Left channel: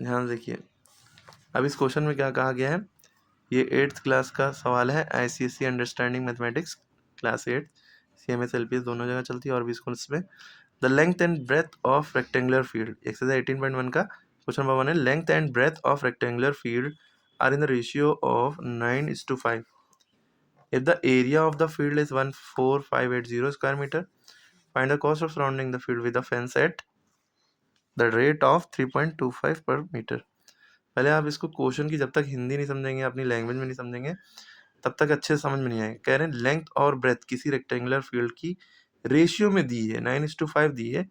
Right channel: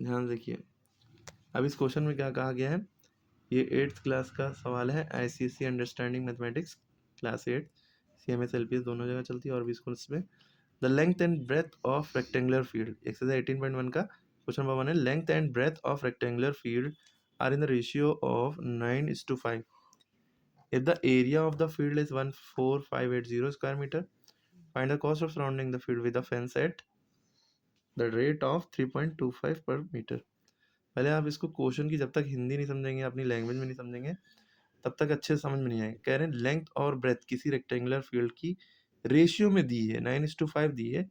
ध्यान देखिए, अब इस क्वेश्चन में क्या कहा गया है, ये 8th क्लास का सवाल है, ICSE understanding mathematics class 8, CMS LPS दोनों जगह चलती है और भी स्कूल्स में। The length and breadth of rectangular field, exercise 18.1 का क्वेश्चन नंबर 1 है, length and breadth of rectangular field are in the ratio of 9:5. If the area of the field is 14580 square meter, find the cost of surrounding the field with a fence at the rate of 3.25 per meter. पहले आप इसको question की जब तक हिंदी नहीं समझेंगे, अपनी language में नहीं समझेंगे, तब तक अच्छे से समझ में नहीं आएगा। कह रहे हैं लेंथ और ब्रेथ किसी रेक्टेंगुलर फील्ड की रेशियो में दी है, 9:5 दी है।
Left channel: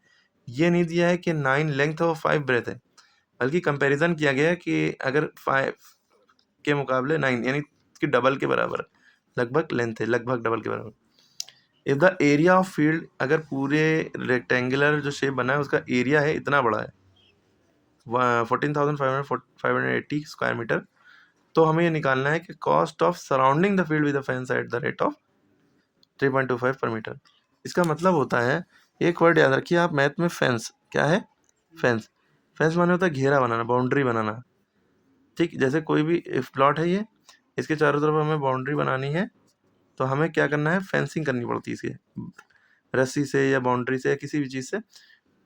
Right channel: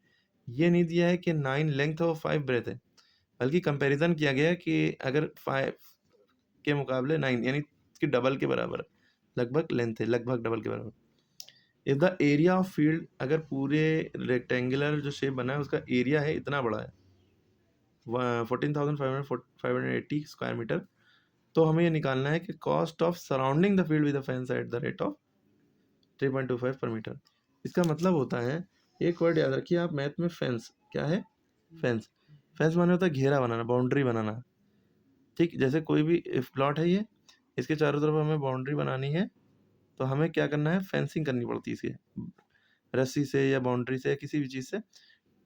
ये नहीं दिया है कि 9 लेंथ और 5 ब्रेथ है, बल्कि कंपैरिजन किया गया है कि अगर 5 के मुकाबले 9 यानी कि डबल के बराबर, लगभग लेंथ है, लगभग डबल के बराबर। If the area of field, अगर पूरे रेक्टेंगुलर जो शेप बना है उसका एरिया है इतना बड़ा है 14,580 स्क्वायर मीटर, तो हमें ये निकालना है कि cost of surrounding the field with the fence at the rate of 3.25 पर मीटर। इसका मतलब होता है, एक वर्ड याद रखिए आप मैथ में, फेंस क्या है, फेंस। फेंस माने होता है घेरा बनाना, बाउंड्री बनाना। ठीक, जैसे कोई भी प्लॉट है, ये इसके चारों तरफ हमें बाउंड्री बनानी है, तो हमें क्या करना है, फेंसिंग करनी पड़ती है इसके, रस्सी से या बाउंड्री से या किसी भी चीज़ से।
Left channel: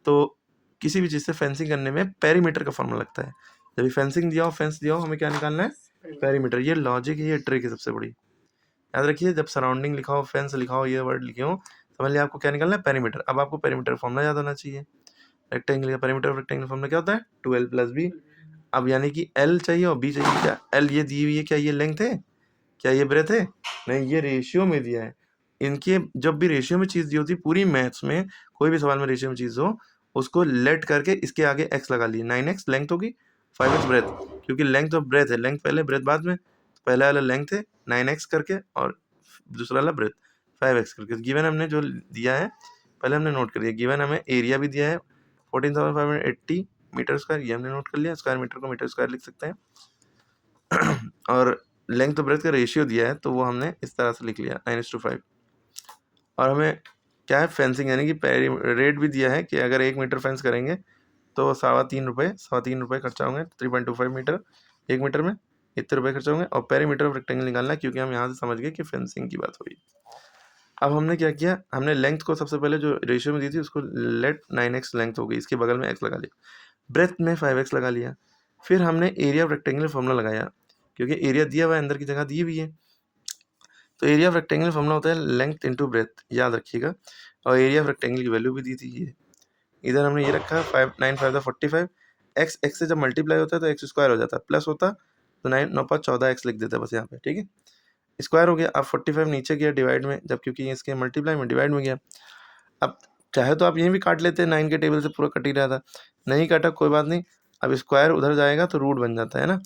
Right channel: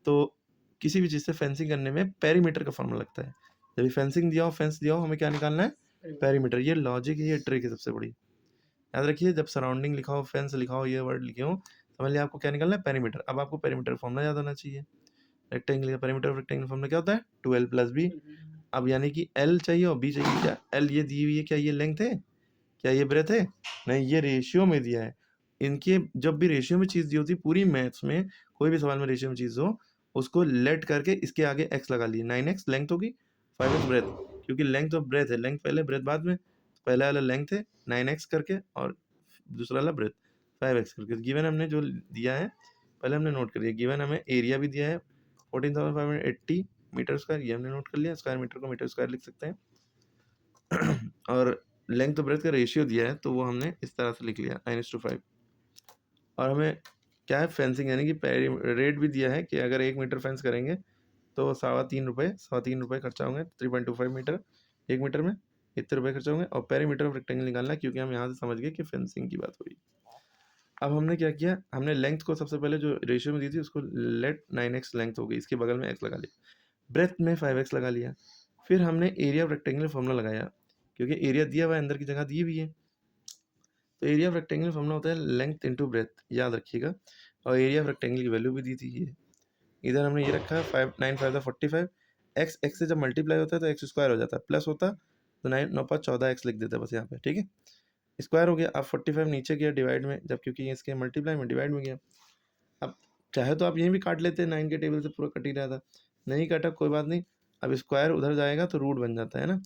तो किसी भी चीज़ से फेंसिंग करने में पेरीमीटर का फॉर्मूला लगता है। जब फेंसिंग दिया हो, फेंस दिया हो, हमें क्या निकालना है, पेरीमीटर। ये लॉजिक है, ये ट्रिक है सबसे बड़ी। याद रखिए, जब सराउंडिंग लिखा हो, फेंस लिखा हो, ये वर्ड लिखे हो, समझ लिया आपको क्या निकालना है, पेरीमीटर। अब आपको पेरीमीटर फॉर्मूला याद होना चाहिए। रेक्टेंगल का पेरीमीटर ऑफ रेक्टेंगल फॉर्मूला क्या होता है, 2l + b। अब यानी कि l चाहिए और b चाहिए। क्या l ये दी हुई है, क्या ये लेंथ है, क्या ये ब्रेथ है, नहीं, ये रेशियो में दिया है। इनके जब भी रेशियो में चीज़ दी होती है, पूरी मैथ्स में कोई भी सवाल में रेशियो में चीज़ हो, उसको लेट करके इसके आगे x लगा लिए। 9x लेंथ होगी, 5x ब्रेथ, क्योंकि लेंथ और ब्रेथ है, लेंथ पहले ब्रेथ बाद में। पहला वाला लेंथ है 9x करके और दूसरा वाला ब्रेथ 5x करके। गिवन हमने जो दिया है पहले हमने नोट कर दिया। गिवन हमें एरिया भी दिया है 14,580 मीटर स्क्वायर, ये हमने नोट कर लिया। स्क्वायर मीटर को मीटर स्क्वायर लिख सकते हैं। और लेंथ तो ब्रेथ का रेशियो दिया है, तो वो हमने इस तरह से लिख लिया 9:5। और हमें क्या है, फेंसिंग यानी कि रेट भी दिया है कि अगर 1 मीटर फेंस करेंगे तो 3.25 रुपये खर्चा होंगे। 3.25 मीटर, 1 मीटर में इतने रुपये खर्च होंगे। और पेरीमीटर ऑफ रेक्टेंगल निकालना है, क्योंकि हम यहाँ से समझ गए कि फेंसिंग की बात हुई। अब हमने क्या किया, हमने लेंथ को सबसे पहले जो रेशियो में दी थी उसको लेट 9x लेंथ हो गई, इसके बगल में x लगा लिया। ब्रेथ में 5x लगा लिया। फिर हमने एरिया ऑफ रेक्टेंगल फॉर्मूला लगाया, क्योंकि एरिया दिया हुआ है, अंदर की जगह दी हुई है। तो एरिया ऑफ रेक्टेंगल फॉर्मूला होता है लेंथ इंटू ब्रेथ, याद रखिएगा। और एरिया ऑफ रेक्टेंगल की वैल्यू भी दी थी ये, इधर हमने ये रखा 5 9 5 45। एक्स एक्स से जब मल्टीप्लाई होता है तो एक्स स्क्वायर हो जाता है, प्लस होता तो 9 9 5 14x लिख देता है बस यहाँ पे, ठीक है। स्क्वायर हो गया। अब 45 नीचे गया डिवाइड में, जब क्योंकि इसके मल्टीप्लाई में डिवाइड में गया। अब चाहे तो आप यहीं भी काट लेते, 9 के टेबल से पूरा कट ही रहा था, नहीं काटा कोई बात नहीं। अब स्क्वायर उधर जाएगा तो रूट बन जाता है ना,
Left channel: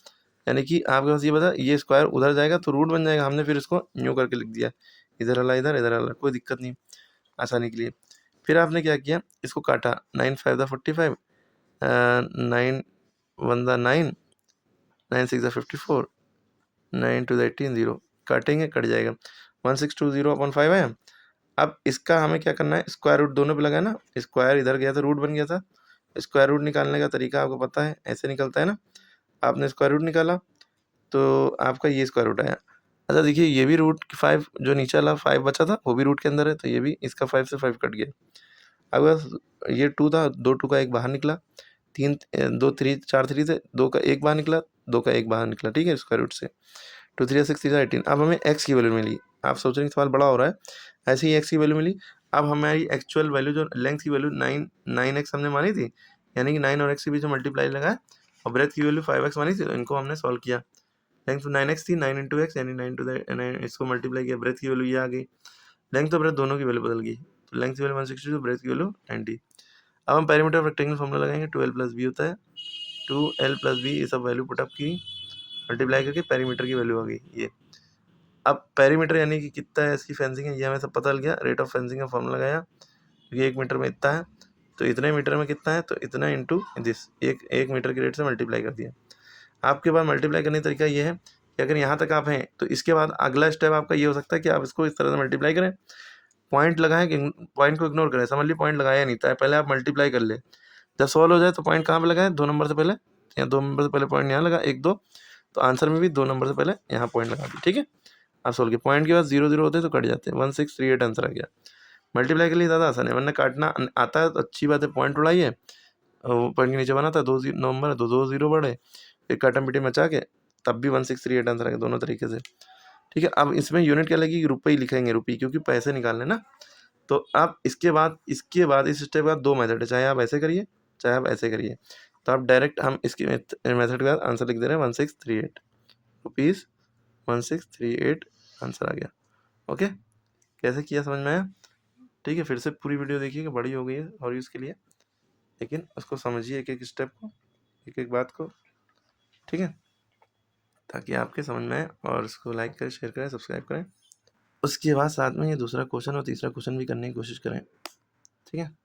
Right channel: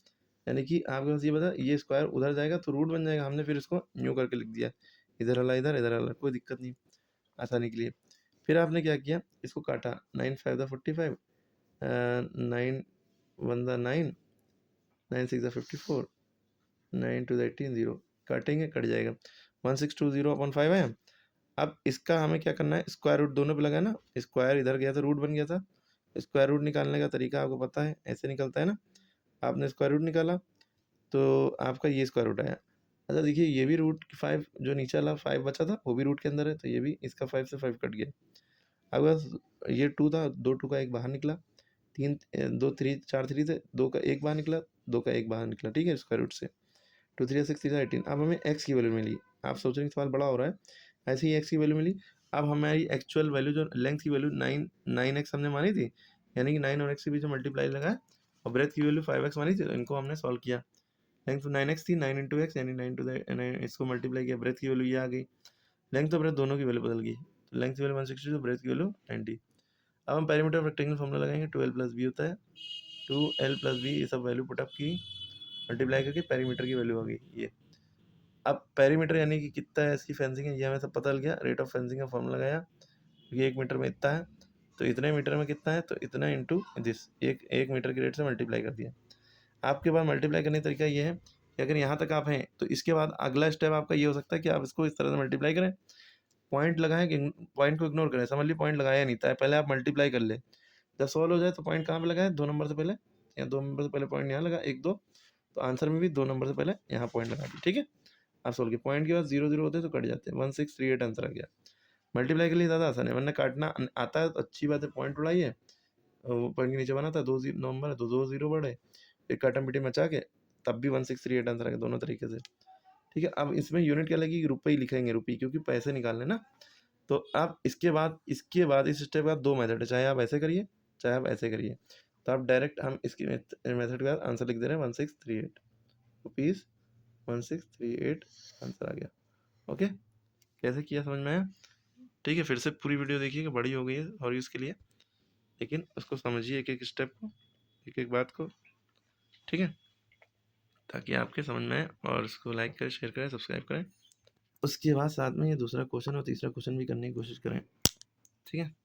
यानी कि आपके पास ये बता, ये स्क्वायर उधर जाएगा तो रूट बन जाएगा। हमने फिर इसको न्यू करके लिख दिया, इधर वाला इधर, इधर वाला, कोई दिक्कत नहीं, आसानी के लिए। फिर आपने क्या किया, इसको काटा, 9 5 45, 9 1 9, 9 6 54, 9 2 18 0, काटेंगे कट जाएगा, 1620/5 है। अब इसका हमें क्या करना है, स्क्वायर रूट दोनों पे लगाना। स्क्वायर इधर गया तो रूट बन गया था। स्क्वायर रूट निकालने का तरीका आपको पता है, ऐसे निकलता है ना। आपने स्क्वायर रूट निकाला तो आपका ये स्क्वायर रूट आया। अच्छा देखिए, ये भी रूट 5 जो नीचे वाला 5 बचा था वो भी रूट के अंदर है, तो ये भी इसका 5 से 5 कट गया। अब ये 2 था, 2 2 का 1 बाहर निकला, 3 2 3 4 3 थे, 2 का 1 बाहर निकला, 2 का 1 बाहर निकला, ठीक है, स्क्वायर रूट से। 2 3 6 3 18। अब हमें x की वैल्यू मिली। आप सोच रहे हैं सवाल बड़ा हो रहा है, ऐसे ही x की वैल्यू मिली। अब हमारी एक्चुअल वैल्यू जो लेंथ की वैल्यू 9x हमने मानी थी, यानी कि 9 और x के बीच में मल्टीप्लाई लगाया, और ब्रेथ की वैल्यू 5x मानी थी, तो इनको हमने सॉल्व किया। लेंथ 9x थी, 9 × x यानी 9 to the 9, इसको मल्टीप्लाई किया, ब्रेथ की वैल्यू ये आ गई। लेंथ और ब्रेथ दोनों की वैल्यू बदल गई, तो लेंथ की वैल्यू 162, ब्रेथ की वैल्यू 90। अब हम पेरीमीटर ऑफ रेक्टेंगल फॉर्मूला लगाएंगे, 2l + b होता है, 2l + b, ये सब वैल्यू पुटअप की, मल्टीप्लाई करके पेरीमीटर की वैल्यू आ गई ये। अब पेरीमीटर यानी कि कितना है इसकी फेंसिंग है, ये हमें सब पता लग गया। रेट ऑफ फेंसिंग का फॉर्मूला लगाया, ये 1 मीटर में इतना है, तो इतने मीटर में कितना है, तो इतना इंटू दिस, एक मीटर के रेट से मल्टीप्लाई कर दिया। आपके पास मल्टीप्लाई करने का तरीका ये है कि अगर यहाँ तक आप हैं तो इसके बाद अगला स्टेप आपका ये हो सकता है कि आप इसको इस तरह से मल्टीप्लाई करें, पॉइंट लगाएं कि पॉइंट को इग्नोर करें। समझ लीजिए पॉइंट लगाया नहीं था, पहले आप मल्टीप्लाई कर ले, जब सॉल्व हो जाए तो पॉइंट कहाँ पे लगाएं, 2 नंबर से पहले या 2 नंबर से पहले पॉइंट यहाँ लगा 1 2, तो आंसर में भी 2 नंबर से पहले यहाँ पॉइंट लगा दी, ठीक है। अब सोल्व किया, पॉइंट के बाद 0 0 होते हैं तो कट जाते हैं, 1638 आंसर आ गया। मल्टीप्लाई के लिए ज़्यादा आसान है, वरना काटना आता है तो अच्छी बात है, पॉइंट उड़ाइए और पॉइंट के नीचे बना था 2 नंबर तो 2 0 बढ़े, फिर काटम पीटी मचा के तब भी 1638 आंसर आ गया, दोनों तरीके से, ठीक है। अब इसमें यूनिट क्या लगेगी, रुपये ही लिखेंगे, रुपये, क्योंकि पैसे निकालने ना। तो आप इसके बाद इस स्टेप के बाद 2 मेथड है, चाहे आप ऐसे करिए चाहे आप ऐसे करिए। तो आप डायरेक्ट हम इसके मेथड के बाद आंसर लिख दे रहे हैं 1638 रुपीज़, 1638 आंसर आ गया। ओके, कैसे किया समझ में आया? ठीक है, फिर से पूरी वीडियो देखिएगा, बड़ी हो गई है और इसके लिए, लेकिन उसको समझिए एक एक स्टेप को, एक एक बात को, ठीक है, ताकि आपके समझ में आए। और इसको लाइक करें, शेयर करें, सब्सक्राइब करें। उसके बाद साथ में ये दूसरा क्वेश्चन और तीसरा क्वेश्चन भी करने की कोशिश करें, ठीक है।